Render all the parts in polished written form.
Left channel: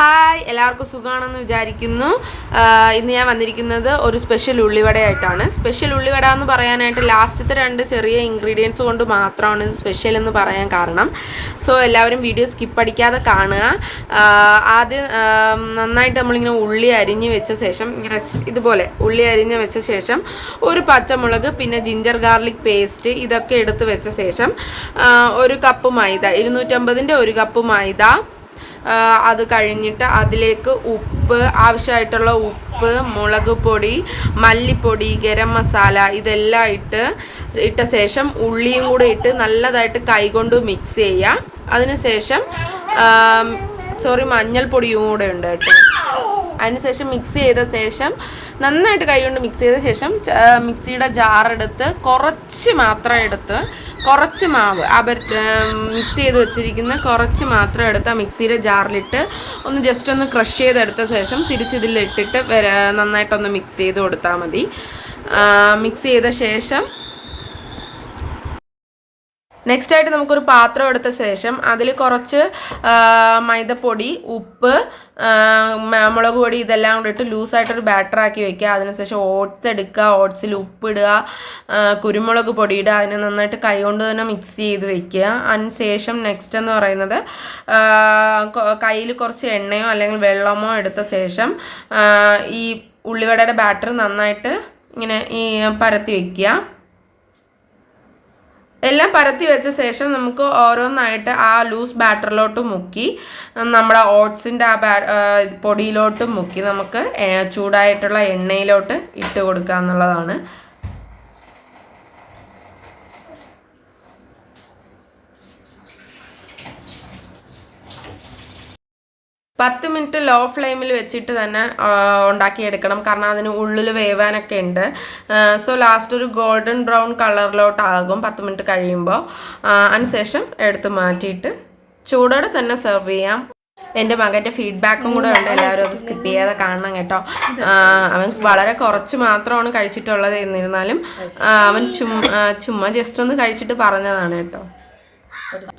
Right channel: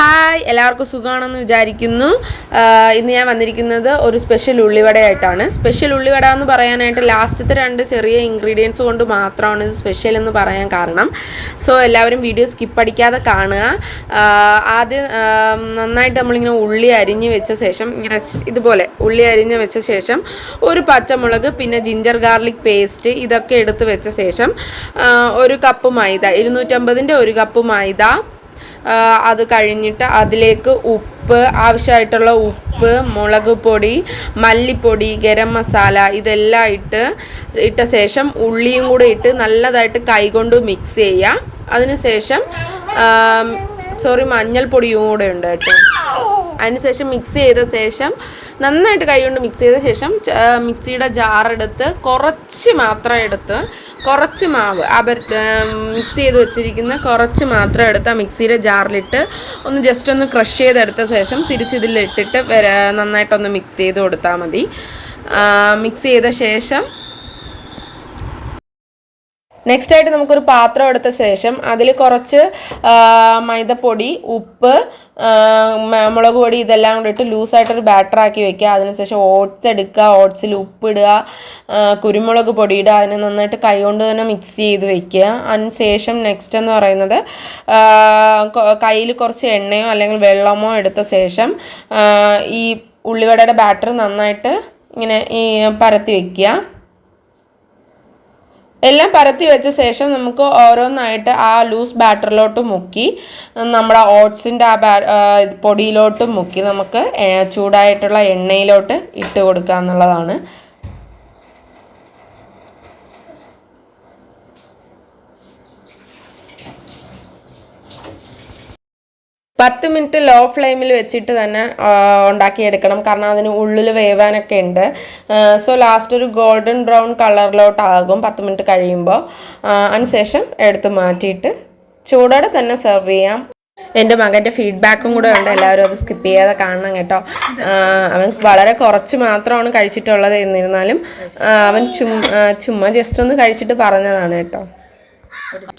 Hi, എല്ലാവർക്കും സുഖമാണെന്ന് വിചാരിക്കുന്നു. ഇന്ന് ഞാൻ വന്നിരിക്കുന്നത് ഒരു സ്പെഷ്യൽ ഉള്ളിവടയായിട്ടാണ്. സ്പെഷ്യൽ ഉള്ളിവട എന്ന് പറയാനായിട്ട് ലാസ്റ്റത്തെ 2 ചെറിയ ഇൻഗ്രീഡിയൻസ് കൊണ്ട് മാത്രമാണ് ഇത് സ്പെഷ്യൽ എന്ന് പറയാൻ കാരണം. സോ എല്ലാവരും വീഡിയോ സ്കിപ്പ് അടിക്കാതെ കാണുക. ആദ്യം നന്നായിട്ട് നമ്മളിങ്ങനെ ഉള്ളി അരിഞ്ഞ് വെച്ച ശേഷം ഇങ്ങനെ ഇതുപോലെ ഉള്ളി അരിഞ്ഞ് വെച്ച ശേഷം ഒരു പച്ചമുളക്, പിന്നെ ജിഞ്ചർ ഗാർലിക് പേസ്റ്റ് ഇതൊക്കെ എടുത്ത് വെച്ച ശേഷം ഒരു കപ്പ് മൈദ, 250-ൻ്റെ 1 കപ്പ് മൈദ, അത് കഴിഞ്ഞിട്ട് അതിലേക്ക് ഉപ്പ്, ആവശ്യമായിട്ടുള്ള ഉപ്പ്, മുളക് പൊടി, മല്ലിപ്പൊടി, ഗരം മസാല ഇതെല്ലാം ഇട്ട ശേഷം ഉള്ളിയും കൂടെ ഇട്ട് നല്ലതായിട്ട് കൈകൊണ്ട് മിക്സ് ചെയ്യുക. അതിനുശേഷം മഞ്ഞൾപ്പൊടിയും കൂടെ ഉണ്ട് കേട്ടോ. അതിനുശേഷം മിക്സ് ചെയ്ത ശേഷം നന്നായിട്ട് കൈകൊണ്ട് മിക്സ് ചെയ്ത ശേഷം മിക്സിയുടെ ജാറെടുത്ത് കുറച്ച് മാവ് മിക്സ് ചെയ്ത് വെച്ചിരിക്കുന്ന കുറച്ച് മാത്രം എടുത്ത് മിക്സിയുടെ ജാറിലിട്ട് ഒന്ന് ജസ്റ്റ് ഒന്ന് ക്രഷ് ചെയ്തെടുത്ത ശേഷം തിരിച്ചിതിലിട്ടിട്ട് നന്നായിട്ടൊന്ന് മിക്സ് ചെയ്ത് കൊടുത്താൽ മതി. മിക്സ് ചെയ്ത ശേഷം നെക്സ്റ്റ് ആയിട്ട് നമുക്കൊരു പാത്രം എടുത്ത ശേഷം അതിൽ കുറച്ച് മൈദപ്പൊടി, ഉപ്പ്, മുളക് പൊടി ഇതെല്ലാം കൂടി ഇട്ട് ലൂസായിട്ടൊരു ബാറ്ററാക്കി വെക്കുക. അതിനുശേഷം ഓട്സ് എടുക്കുക, ഓട്സിൽ ഉപ്പിടുക, കുരുമുളക് പൊടി ഇടുക, അതിനെ നന്നായിട്ട് കൈകൊണ്ട് തന്നെ മിക്സ് ചെയ്ത് വെക്കുക. അതിനുശേഷം നെക്സ്റ്റ് എന്ന് പറയുന്നത് കയ്യിൽ കുറച്ച് എണ്ണയോ അല്ലെങ്കിൽ വെള്ളമോ എടുത്ത ശേഷം ഈ ഉള്ളിവടയുടെ ബാറ്റർ നന്നായിട്ട് ഇങ്ങനെ പരത്തി വെക്കുക. എല്ലാം പരത്തി വെച്ച ശേഷം നമുക്ക് ഓരോന്നായിട്ട് ആ ലൂസ് ബാറ്ററിലോട്ട് മുക്കി നമ്മുടെ ഓട്സിൻ്റെ പൊടിയിലോട്ട് മുക്കി നമുക്ക് ചൂടായിട്ടുള്ള എണ്ണയിലോട്ട് ഇട്ട് കൊടുക്കുക എന്നുള്ളതാണ്. പത്ത് മിനിറ്റ് ലോ ഫ്ലെയിമിൽ വെച്ചിട്ട് തന്നെ ഉണ്ടാക്കിയെടുക്കണം, കാരണം അതിന് ഉള്ളിൽ വേവാനൊക്കെ ഉണ്ട്. സോ ലാസ്റ്റ് ഒരു ഗോൾഡൻ ബ്രൗൺ കളറിലോട്ടാകും 10 മിനിറ്റ് കഴിയുമ്പോൾ. അതിനുശേഷം എടുത്ത് മാറ്റിയിട്ട് ചൂടോടെ തന്നെ സെർവ് ചെയ്യാം. എൻ്റെ മകൻ്റെ ഫീഡ്ബാക്കും കൂടെ ഉണ്ട്, എല്ലാവരും അത് സ്കിപ്പ് ചെയ്യാതെ കാണണം കേട്ടോ. അവൻ വളരെ കുറച്ച് മാത്രമാണ് കഴിച്ചിട്ടുള്ളത്, എന്നിരുന്നാലും അവൻ ചുമ്മാ ജസ്റ്റ് ഒന്ന് കഴിച്ചിട്ട് പറഞ്ഞതാണ് കേട്ടോ.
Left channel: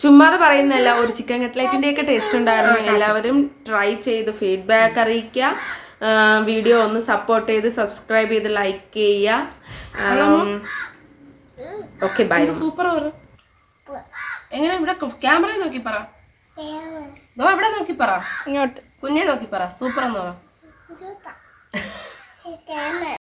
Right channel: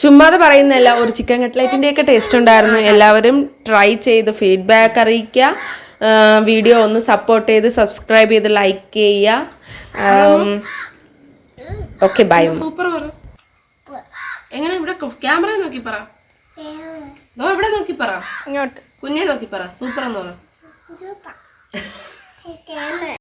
ചുമ്മാതെ പറയുന്നതല്ല, ഒരു ചിക്കൻ കട്ട്ലറ്റിൻ്റെയൊക്കെ ടേസ്റ്റ് ഉണ്ടായിരുന്നു. എല്ലാവരും ട്രൈ ചെയ്ത് ഫീഡ്ബാക്ക് അറിയിക്കുക. വീഡിയോ ഒന്ന് സപ്പോർട്ട് ചെയ്ത് സബ്സ്ക്രൈബ് ചെയ്ത് ലൈക്ക് ചെയ്യുക. Okay, bye. സൂപ്പർ. എങ്ങനെ ഇവിടെ ക്യാമറ നോക്കി പറ, ഇവിടെ നോക്കി പറ, കുഞ്ഞെ നോക്കി പറ, സൂപ്പർ എന്ന് പറ.